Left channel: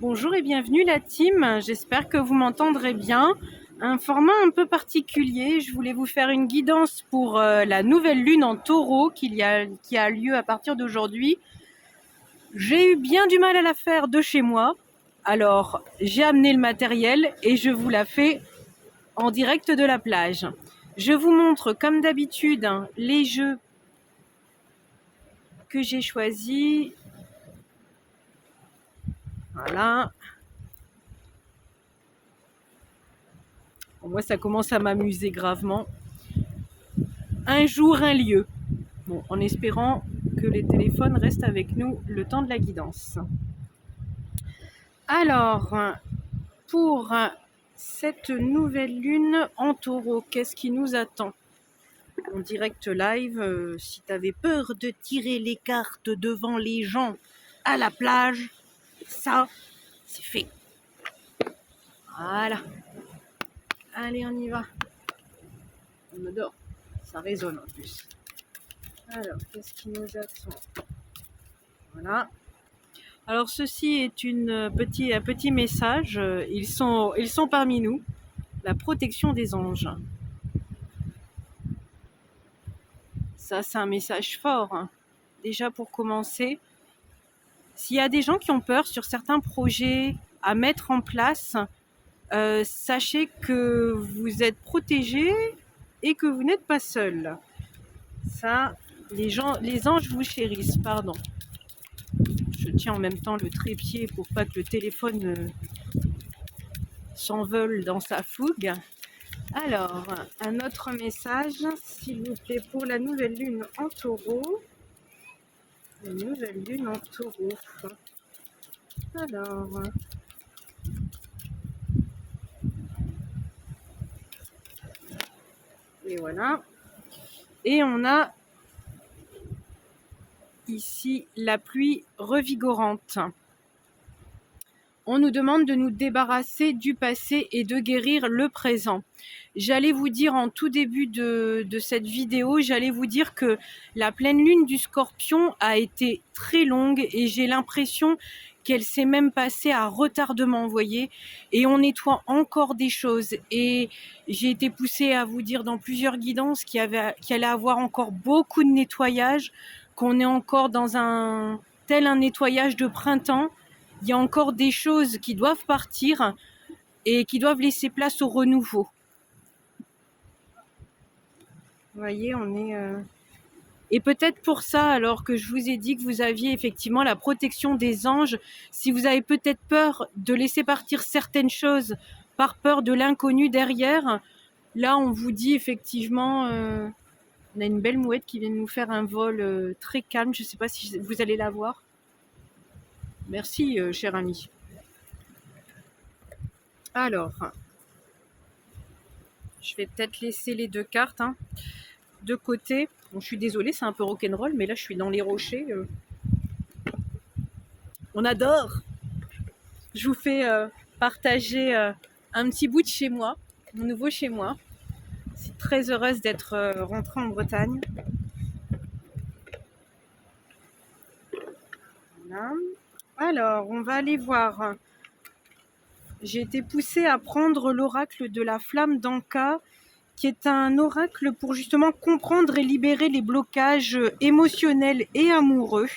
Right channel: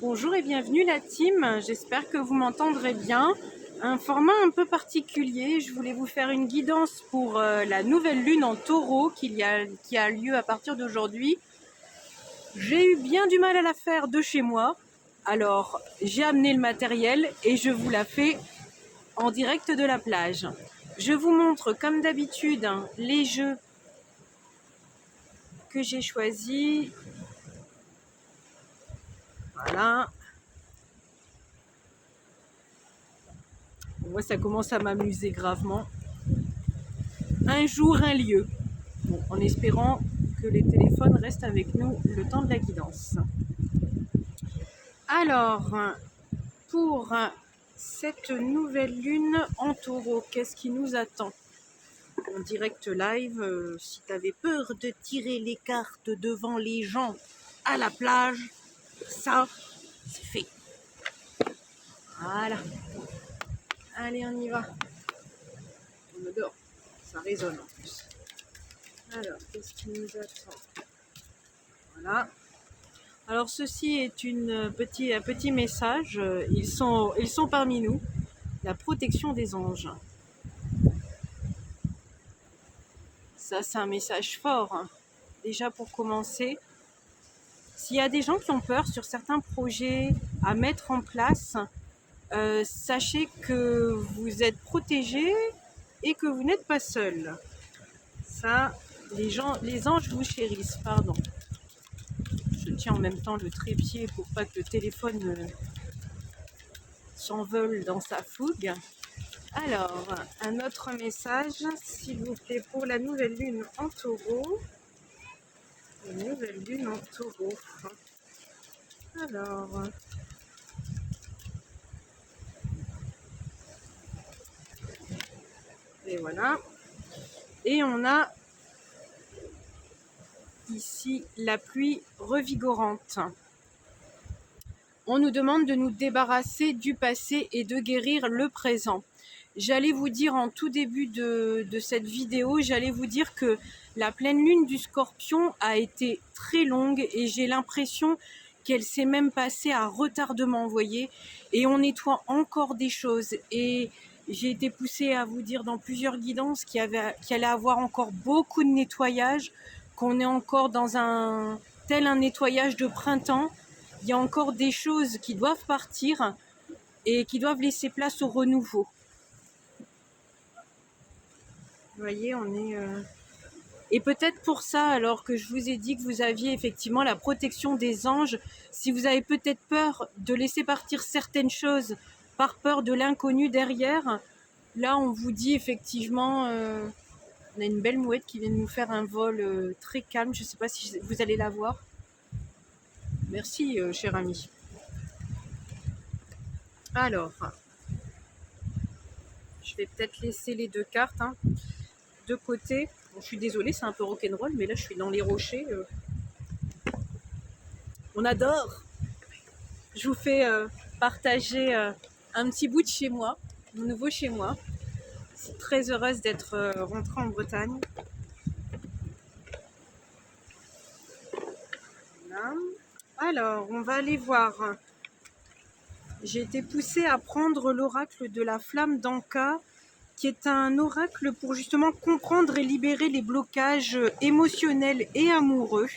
Bonjour et bienvenue la team, j'espère que vous m'entendrez bien. Un format un peu particulier, je voulais vous faire une guidance pour la nouvelle lune en taureau qui a lieu à partir d'aujourd'hui. J'ai eu bien du mal à la faire de chez moi, alors j'ai amené le matériel et je vous la fais en direct de la plage. Je vous montre comme d'habitude les jeux que j'ai choisis. Voilà. Moi, ça commence à m'amuser gravement. Un jour, un lieu. Bon, en espérant que les téléphones restent avec nous le temps de la guidance. Alors, pour cette nouvelle lune en taureau, qu'est-ce qui nous attend en direct live? Si tu avais peur de tirer les cartes devant les gens à la plage, ça, c'est fait. Voilà. Allez, on y va. On adore. Ça résonne en plus. Alors, qu'est-ce qui nous attend? Voilà. Alors ceci est un petit message. Ils sont parmi nous. La protection des anges. Ça, c'est un message fort, hein. Déjà pour commencer, s'il y a des gens qui ont peur sur certains projets à mettre en place, sachez que vous êtes protégés et que vous n'êtes pas seuls. Ça, les anges vous chérissent, pardon. Je tiens en même temps le trépied pour pas que le téléphone s'envole dans sa fougue. Alors, un autre message, s'il vous plaît, pour la nouvelle lune en taureau. La nouvelle lune en taureau. Alors, et voilà. Et on a ici la pluie revigorante. On nous demande de nous débarrasser du passé et de guérir le présent. J'allais vous dire en tout début de cette vidéo, j'allais vous dire que la pleine lune du Scorpion a été très longue et j'ai l'impression qu'elle s'est même passée à retardement, vous voyez, et on nettoie encore des choses. Et j'ai été poussée à vous dire dans plusieurs guidances qu'il allait avoir encore beaucoup de nettoyage, qu'on est encore dans un nettoyage de printemps. Il y a encore des choses qui doivent partir et qui doivent laisser place au renouveau. Vous voyez, on est... Et peut-être pour ça, alors que je vous ai dit que vous aviez effectivement la protection des anges, si vous avez peut-être peur de laisser partir certaines choses par peur de l'inconnu derrière, là on vous dit effectivement, on a une belle mouette qui vient de nous faire un vol très calme, je ne sais pas si vous allez la voir. Merci, cher ami. Alors, je vais peut-être laisser les deux cartes de côté. Bon, je suis désolée, c'est un peu rock'n'roll, mais là je suis dans les rochers. On adore. Je vous fais partager un petit bout de chez moi, mon nouveau chez moi. Je suis très heureuse d'être rentrée en Bretagne. Voilà. Alors, on va aller voir. J'ai été poussée à prendre l'oracle de la flamme d'Anka, qui est un oracle pour justement comprendre et libérer les blocages émotionnels et amoureux.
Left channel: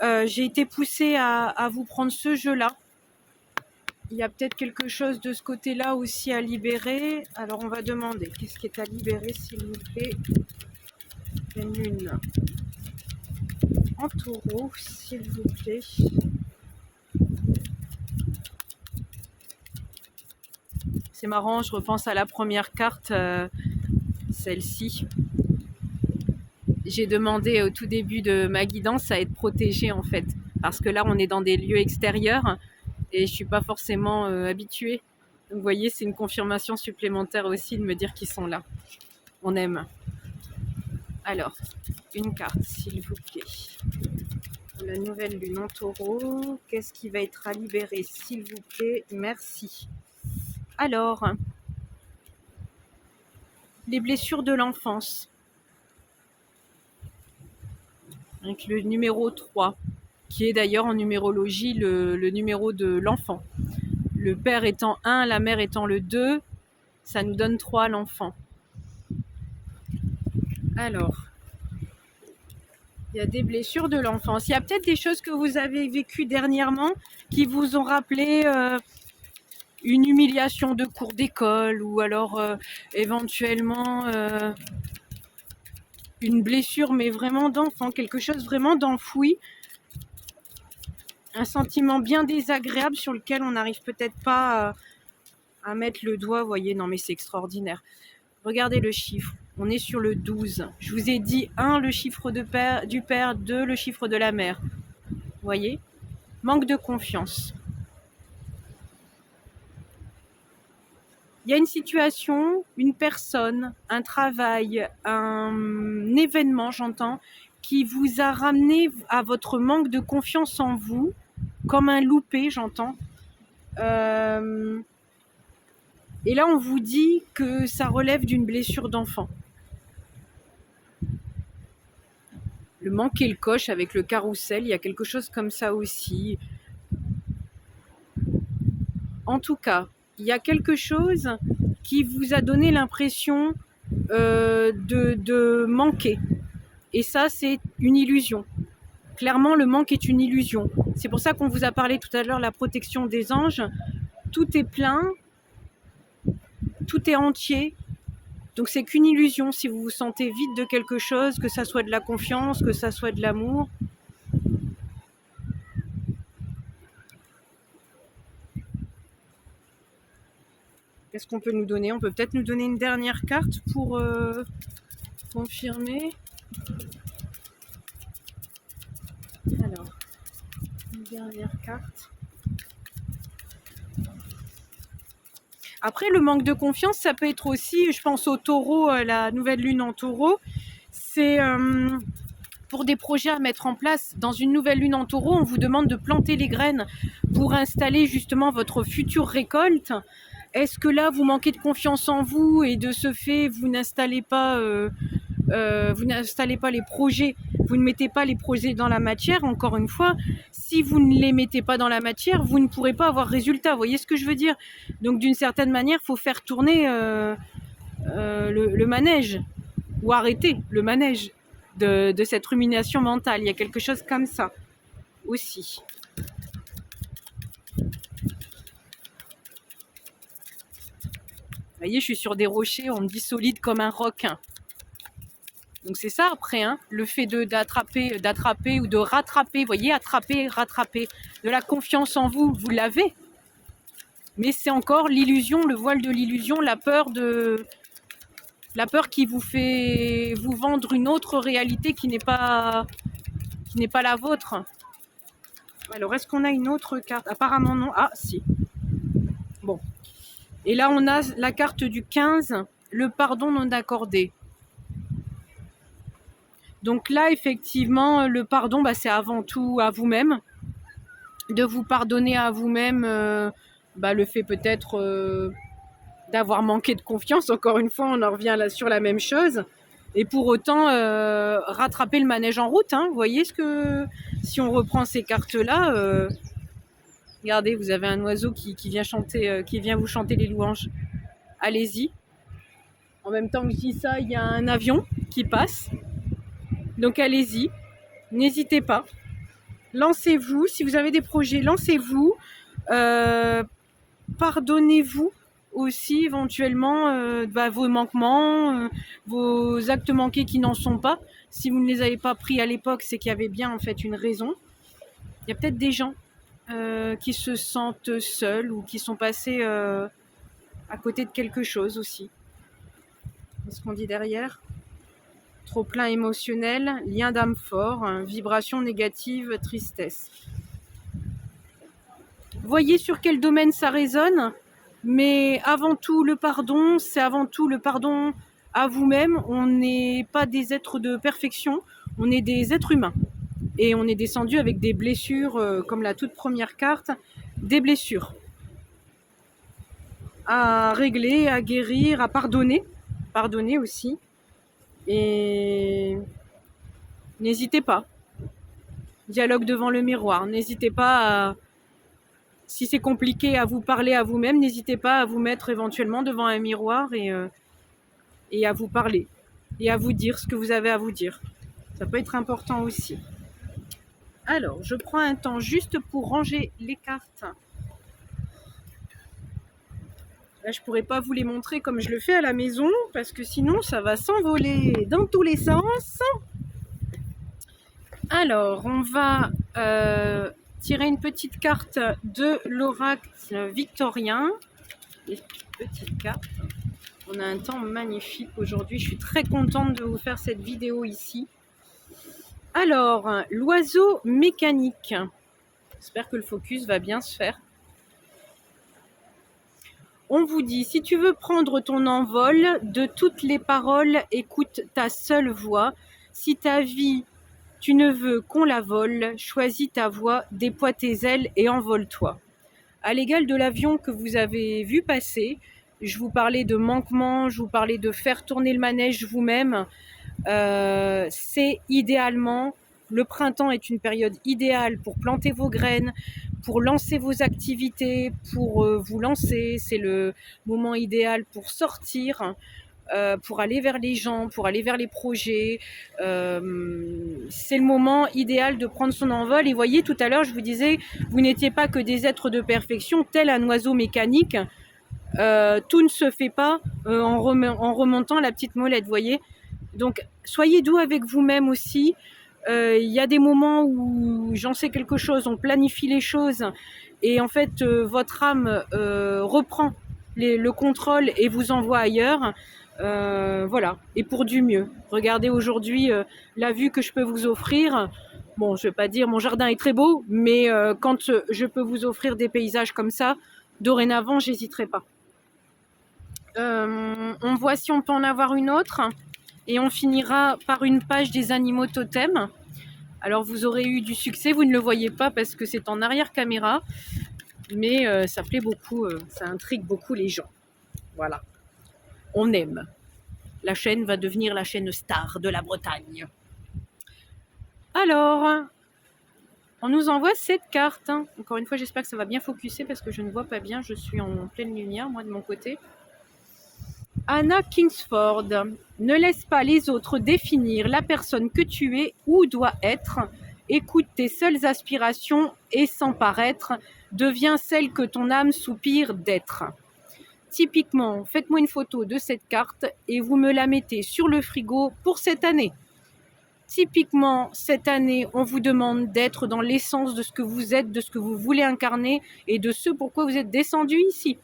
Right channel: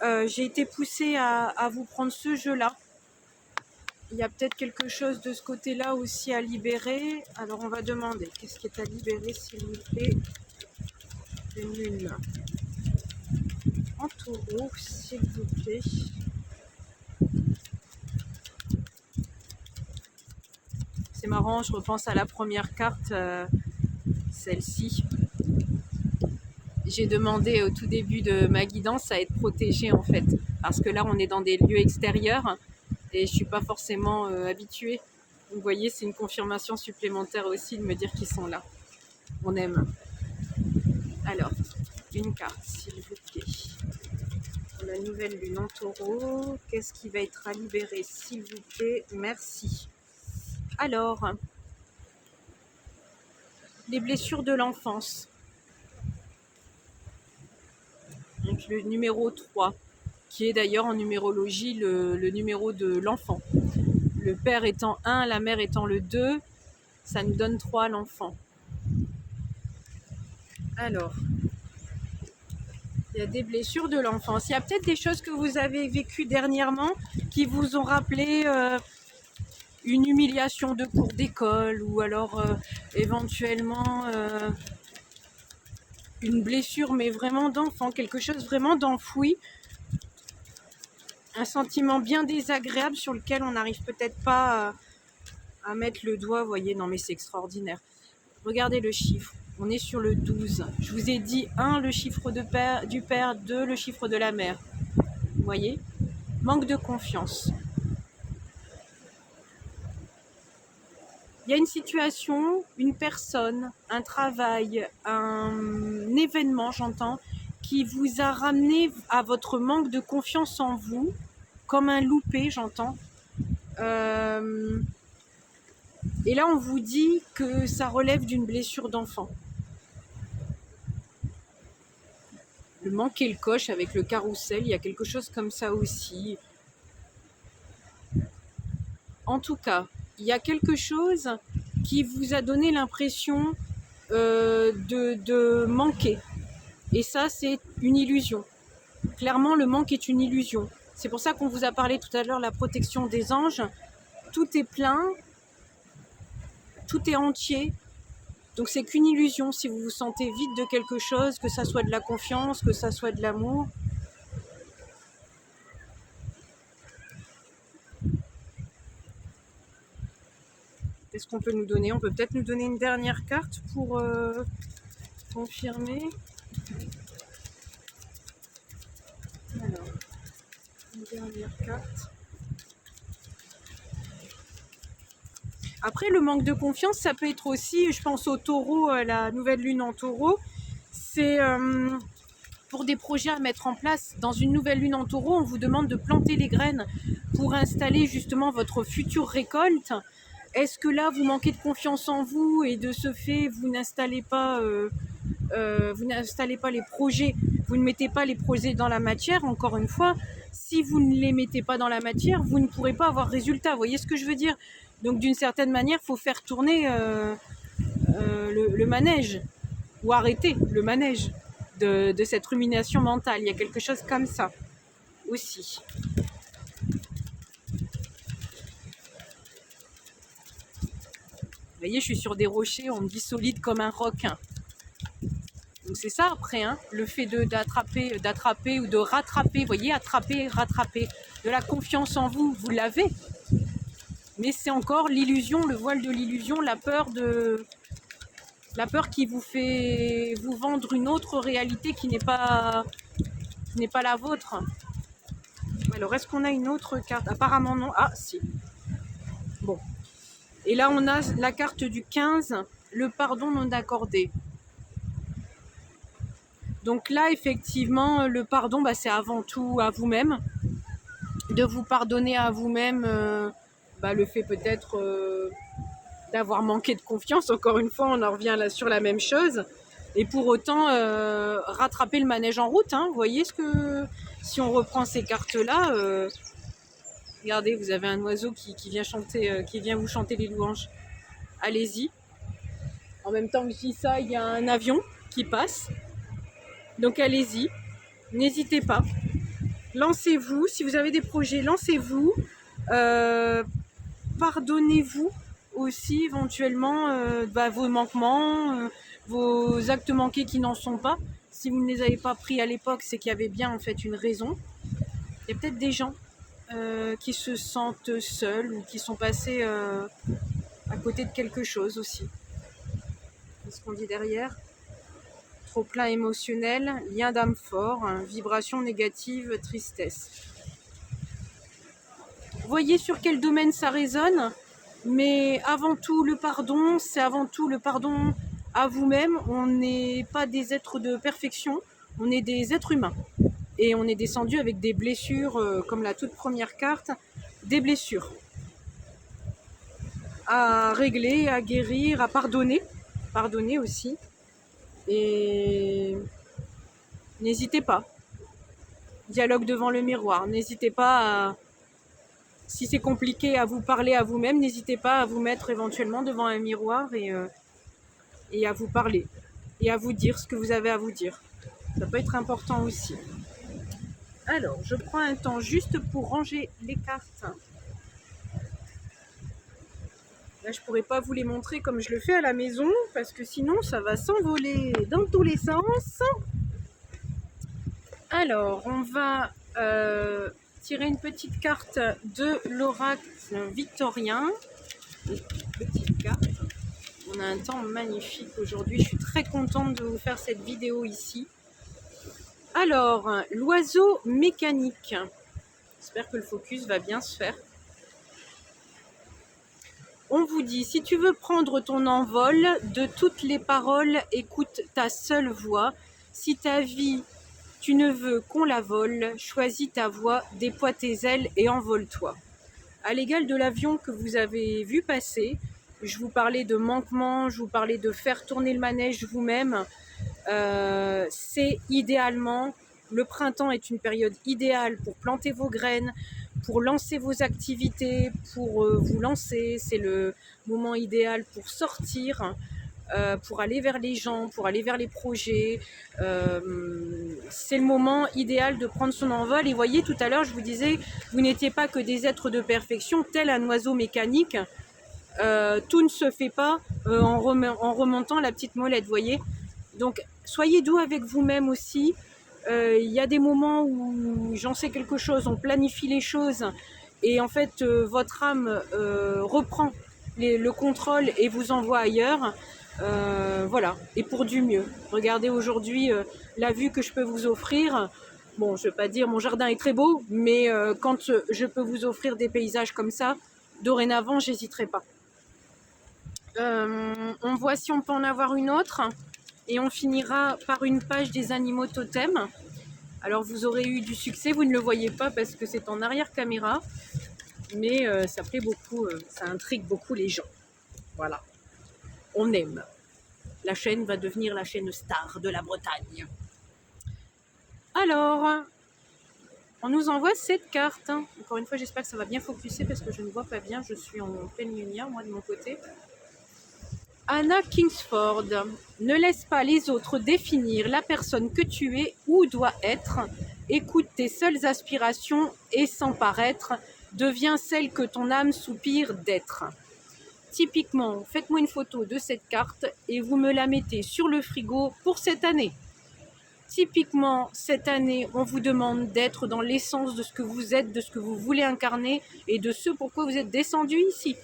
J'ai été poussée à vous prendre ce jeu-là. Il y a peut-être quelque chose de ce côté-là aussi à libérer. Alors on va demander, qu'est-ce qui est à libérer s'il vous plaît? Une lune en taureau, s'il vous plaît. C'est marrant, je repense à la première carte, celle-ci. J'ai demandé au tout début de ma guidance à être protégée en fait. Parce que là on est dans des lieux extérieurs et je suis pas forcément habituée. Donc, vous voyez, c'est une confirmation supplémentaire aussi de me dire qu'ils sont là. On aime. Alors, une carte, s'il vous plaît. Pour la nouvelle lune en taureau, qu'est-ce qui va être à libérer, s'il vous plaît? Merci. Alors, les blessures de l'enfance. Avec le numéro 3. qui est d'ailleurs en numérologie le numéro de l'enfant. Le père étant 1, la mère étant le 2, ça nous donne 3 l'enfant. Alors, il y a des blessures de l'enfance. Il y a peut-être des choses que vous avez vécues dernièrement qui vous ont rappelé une humiliation de cours d'école ou alors éventuellement une blessure mais vraiment d'enfant, quelque chose vraiment d'enfoui, un sentiment bien désagréable sur lequel on n'arrive peut-être pas à mettre le doigt. Vous voyez, non mais c'est extraordinaire. Regardez le chiffre, on est sur le 12. Je vous ai dit 1 le chiffre du père, 2 le chiffre de la mère. Vous voyez, manque de confiance. Il y a une situation, une personne, un travail, un événement, j'entends, qui vous a ramené à votre manque de confiance en vous, comme un loupé, j'entends. Et là, on vous dit que ça relève d'une blessure d'enfant. Le manquer le coche avec le carrousel, il y a quelque chose comme ça aussi. En tout cas, il y a quelque chose qui vous a donné l'impression de manquer. Et ça, c'est une illusion. Clairement, le manque est une illusion. C'est pour ça qu'on vous a parlé tout à l'heure, la protection des anges. Tout est plein, tout est entier. Donc c'est qu'une illusion si vous vous sentez vide de quelque chose, que ça soit de la confiance, que ça soit de l'amour. Qu'est-ce qu'on peut nous donner? On peut peut-être nous donner une dernière carte pour confirmer. Alors, une dernière carte. Après, le manque de confiance, ça peut être aussi, je pense au taureau, la nouvelle lune en taureau, c'est pour des projets à mettre en place. Dans une nouvelle lune en taureau, on vous demande de planter les graines pour installer justement votre future récolte. Est-ce que là, vous manquez de confiance en vous et de ce fait, vous n'installez pas les projets, vous ne mettez pas les projets dans la matière? Encore une fois, si vous ne les mettez pas dans la matière, vous ne pourrez pas avoir résultat. Vous voyez ce que je veux dire? Donc d'une certaine manière, il faut faire tourner le manège, ou arrêter le manège de cette rumination mentale. Il y a quelque chose comme ça aussi. Vous voyez, je suis sur des rochers, on me dit solide comme un roc. Donc c'est ça après, hein, le fait d'attraper ou de rattraper, vous voyez, attraper, rattraper, de la confiance en vous, vous l'avez. Mais c'est encore l'illusion, le voile de l'illusion, la peur qui vous fait vous vendre une autre réalité qui n'est pas la vôtre. Alors est-ce qu'on a une autre carte? Apparemment non. Ah si. Bon. Et là on a la carte du 15, le pardon non accordé. Donc là, effectivement, le pardon, c'est avant tout à vous-même. De vous pardonner à vous-même le fait peut-être d'avoir manqué de confiance. Encore une fois, on en revient là sur la même chose. Et pour autant, rattraper le manège en route. Hein. Vous voyez ce que... Si on reprend ces cartes-là, regardez, vous avez un oiseau qui vient chanter, qui vient vous chanter les louanges. Allez-y. En même temps que je dis ça, il y a un avion qui passe. Donc allez-y, n'hésitez pas, lancez-vous, si vous avez des projets, lancez-vous, pardonnez-vous aussi éventuellement vos manquements, vos actes manqués qui n'en sont pas. Si vous ne les avez pas pris à l'époque, c'est qu'il y avait bien en fait une raison. Il y a peut-être des gens qui se sentent seuls ou qui sont passés à côté de quelque chose aussi. Qu'est-ce qu'on dit derrière ? Trop plein émotionnel, lien d'âme fort, vibration négative, tristesse. Voyez sur quel domaine ça résonne, mais avant tout le pardon, c'est avant tout le pardon à vous-même. On n'est pas des êtres de perfection, on est des êtres humains. Et on est descendu avec des blessures, comme la toute première carte, des blessures à régler, à guérir, à pardonner aussi. Et n'hésitez pas. dialogue devant le miroir. N'hésitez pas à, si c'est compliqué à vous parler à vous-même, n'hésitez pas à vous mettre éventuellement devant un miroir et à vous parler et à vous dire ce que vous avez à vous dire. Ça peut être important aussi. Alors, je prends un temps juste pour ranger les cartes. Là, je pourrais pas vous les montrer comme je le fais à la maison parce que sinon, ça va s'envoler dans tous les sens. Alors, on va tirer une petite carte de l'oracle victorien. Une petite carte. On a un temps magnifique aujourd'hui. Je suis très contente de vous faire cette vidéo ici. Alors, l'oiseau mécanique. J'espère que le focus va bien se faire. On vous dit, si tu veux prendre ton envol, de toutes les paroles, écoute ta seule voix. Si ta vie, tu ne veux qu'on la vole, choisis ta voie, déploie tes ailes et envole-toi. À l'égal de l'avion que vous avez vu passer, je vous parlais de manquement, je vous parlais de faire tourner le manège vous-même. C'est idéalement, le printemps est une période idéale pour planter vos graines, pour lancer vos activités, pour vous lancer. C'est le moment idéal pour sortir, pour aller vers les gens, pour aller vers les projets. C'est le moment idéal de prendre son envol. Et voyez, tout à l'heure, je vous disais, vous n'étiez pas que des êtres de perfection, tel un oiseau mécanique. Tout ne se fait pas en remontant la petite molette, voyez. Donc, soyez doux avec vous-même aussi. Il y a des moments où j'en sais quelque chose, on planifie les choses et en fait, votre âme reprend le contrôle et vous envoie ailleurs. Voilà, et pour du mieux. Regardez aujourd'hui la vue que je peux vous offrir. Bon, je ne vais pas dire mon jardin est très beau, mais quand je peux vous offrir des paysages comme ça, dorénavant, j'hésiterai pas. On voit si on peut en avoir une autre. Et on finira par une page des animaux totems. Alors vous aurez eu du succès, vous ne le voyez pas parce que c'est en arrière caméra, mais ça plaît beaucoup, ça intrigue beaucoup les gens. Voilà, on aime. La chaîne va devenir la chaîne star de la Bretagne. Alors, on nous envoie cette carte. Encore une fois, j'espère que ça va bien focuser parce que je ne vois pas bien, je suis en pleine lumière, moi de mon côté. Anna Kingsford, ne laisse pas les autres définir la personne que tu es ou dois être. Écoute tes seules aspirations et sans paraître, deviens celle que ton âme soupire d'être. Typiquement, faites-moi une photo de cette carte et vous me la mettez sur le frigo pour cette année. Typiquement, cette année, on vous demande d'être dans l'essence de ce que vous êtes, de ce que vous voulez incarner et de ce pourquoi vous êtes descendu ici.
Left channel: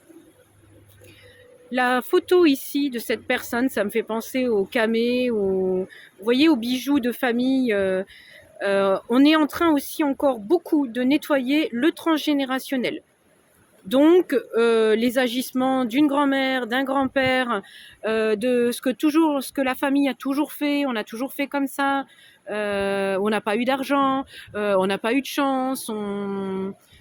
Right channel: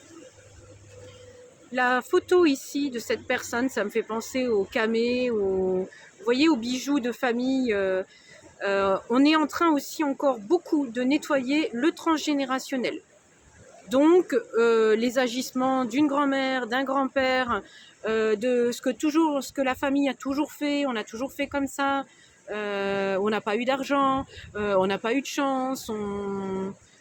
La photo ici de cette personne, ça me fait penser au camé, vous voyez, aux bijoux de famille. On est en train aussi encore beaucoup de nettoyer le transgénérationnel. Donc, les agissements d'une grand-mère, d'un grand-père, de ce que la famille a toujours fait, on a toujours fait comme ça, on n'a pas eu d'argent, on n'a pas eu de chance.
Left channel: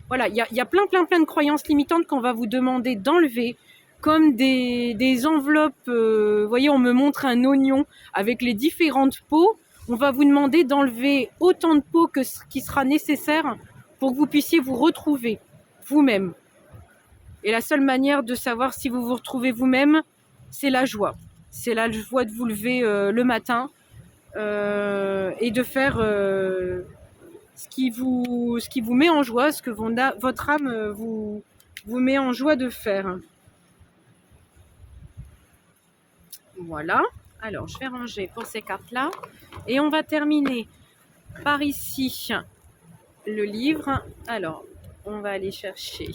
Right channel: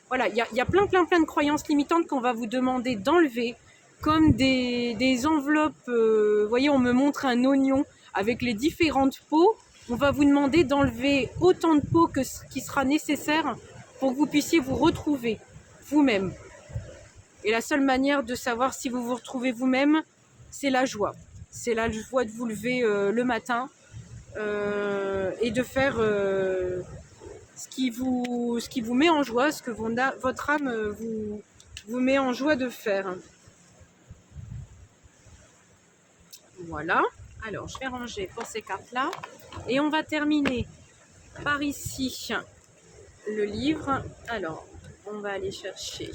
Voilà, il y a plein de croyances limitantes qu'on va vous demander d'enlever, comme des enveloppes. Vous voyez, on me montre un oignon avec les différentes peaux. On va vous demander d'enlever autant de peaux que ce qui sera nécessaire pour que vous puissiez vous retrouver vous-même. Et la seule manière de savoir si vous vous retrouvez vous-même, c'est la joie. C'est la joie de vous lever le matin et de faire ce qui vous met en joie, ce que votre âme vous met en joie de faire. Voilà. Alors, je vais ranger pour ces cartes-là. Et on va terminer par ici le livre. Alors, on va aller chercher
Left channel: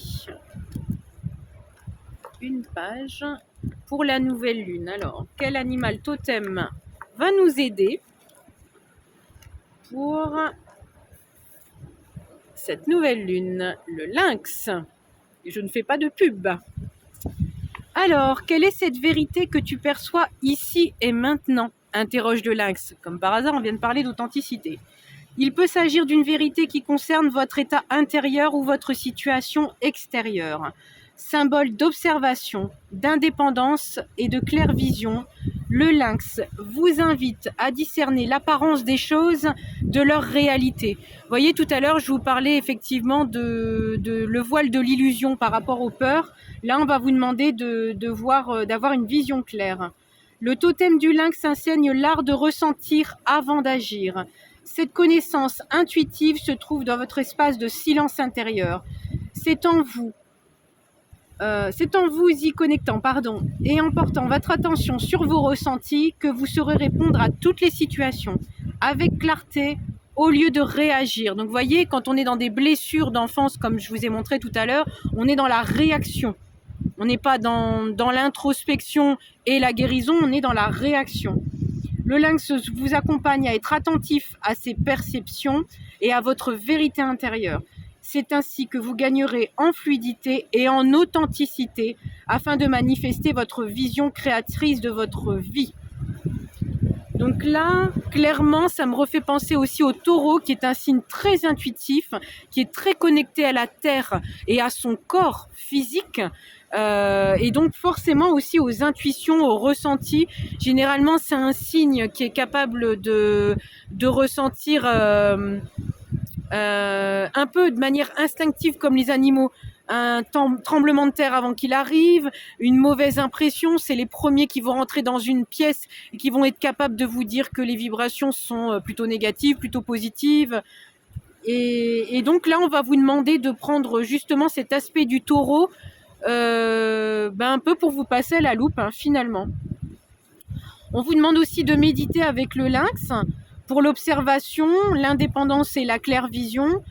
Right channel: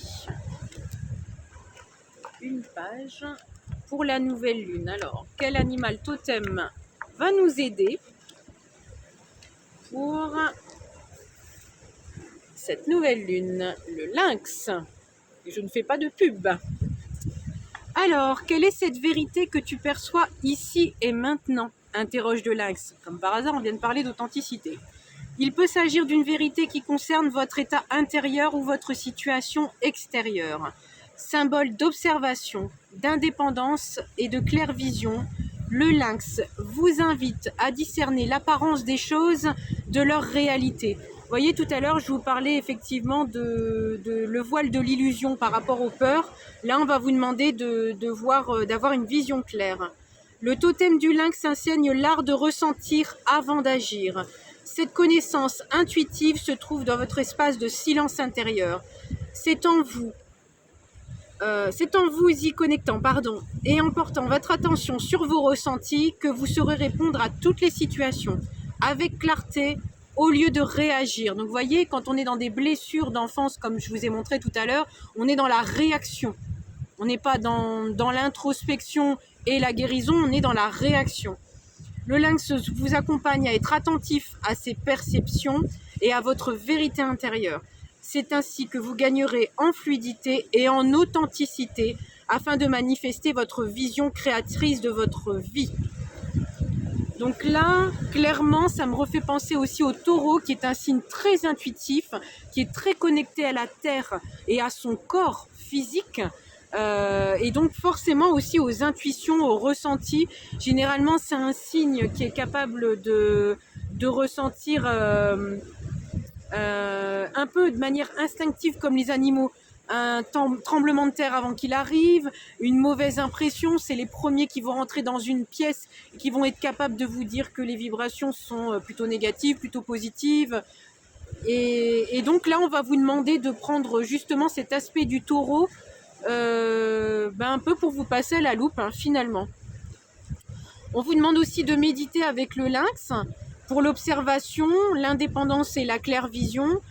une page pour la nouvelle lune. Alors, quel animal totem va nous aider pour cette nouvelle lune? Le lynx. Et je ne fais pas de pub. Alors, quelle est cette vérité que tu perçois ici et maintenant? Interroge le lynx. Comme par hasard, on vient de parler d'authenticité. Il peut s'agir d'une vérité qui concerne votre état intérieur ou votre situation extérieure. Symbole d'observation, d'indépendance et de claire vision, le lynx vous invite à discerner l'apparence des choses de leur réalité. voyez, tout à l'heure, je vous parlais effectivement de le voile de l'illusion par rapport aux peurs. Là, on va vous demander d'avoir une vision claire. Le totem du lynx enseigne l'art de ressentir avant d'agir. Cette connaissance intuitive se trouve dans votre espace de silence intérieur. C'est en vous y connectant, et en portant votre attention sur vos ressentis que vous saurez répondre à toutes les situations avec clarté au lieu de réagir. Donc vous voyez, quand on est dans des blessures d'enfance, comme je vous ai montré tout à l'heure, on est dans la réaction. On n'est pas dans l'introspection et la guérison, on est dans la réaction. Le lynx vous accompagne à être attentif à ses perceptions et à votre vérité intérieure. C'est ainsi que vous gagnerez en fluidité et en authenticité afin de manifester votre vision créatrice de votre vie. Donc là, clairement, ça me refait penser aussi au taureau, qui est un signe très intuitif, qui est très connecté à la terre et à son corps physique. Et donc forcément aussi aux intuitions, aux ressentis. Généralement, c'est un signe qui est capable de ressentir un peu de manière instinctive comme les animaux. Un tremblement de terre avant qu'il arrive, une mauvaise impression, c'est les premiers qui vont rentrer dans une pièce et qui vont être capables de vous dire que les vibrations sont plutôt négatives, plutôt positives. Et donc là, on va vous demander de prendre justement cet aspect du taureau un peu pour vous passer à la loupe, finalement. On vous demande aussi de méditer avec le lynx pour l'observation, l'indépendance et la claire vision.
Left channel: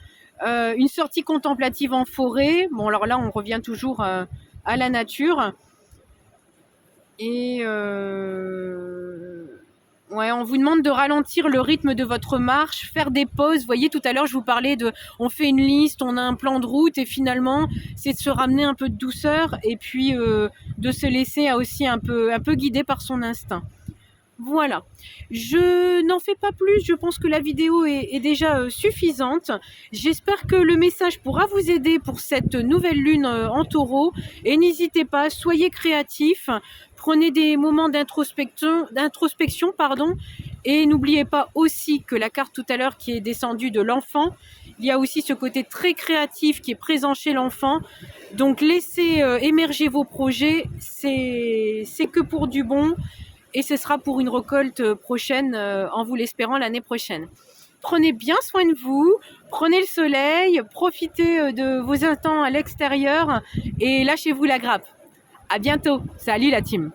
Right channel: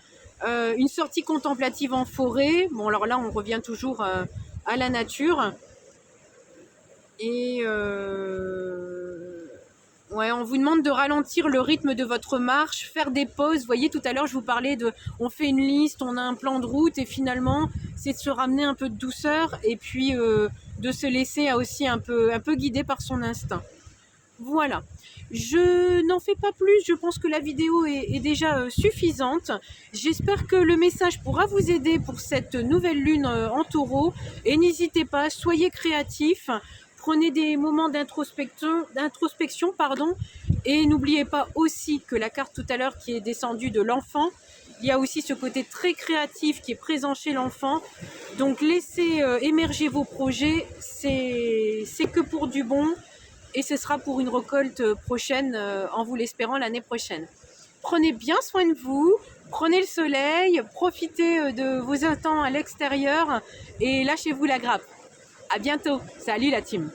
Une sortie contemplative en forêt. Bon, alors là, on revient toujours à la nature. Et on vous demande de ralentir le rythme de votre marche, faire des pauses. Vous voyez, tout à l'heure, je vous parlais on fait une liste, on a un plan de route, et finalement, c'est de se ramener un peu de douceur et puis de se laisser aussi un peu guider par son instinct. Voilà, je n'en fais pas plus, je pense que la vidéo est déjà suffisante. J'espère que le message pourra vous aider pour cette nouvelle lune en taureau. Et n'hésitez pas, soyez créatifs, prenez des moments d'introspection, et n'oubliez pas aussi que la carte tout à l'heure qui est descendue de l'enfant, il y a aussi ce côté très créatif qui est présent chez l'enfant. Donc laissez émerger vos projets, c'est que pour du bon. Et ce sera pour une récolte prochaine, en vous l'espérant l'année prochaine. Prenez bien soin de vous, prenez le soleil, profitez de vos instants à l'extérieur et lâchez-vous la grappe. À bientôt. Salut la team.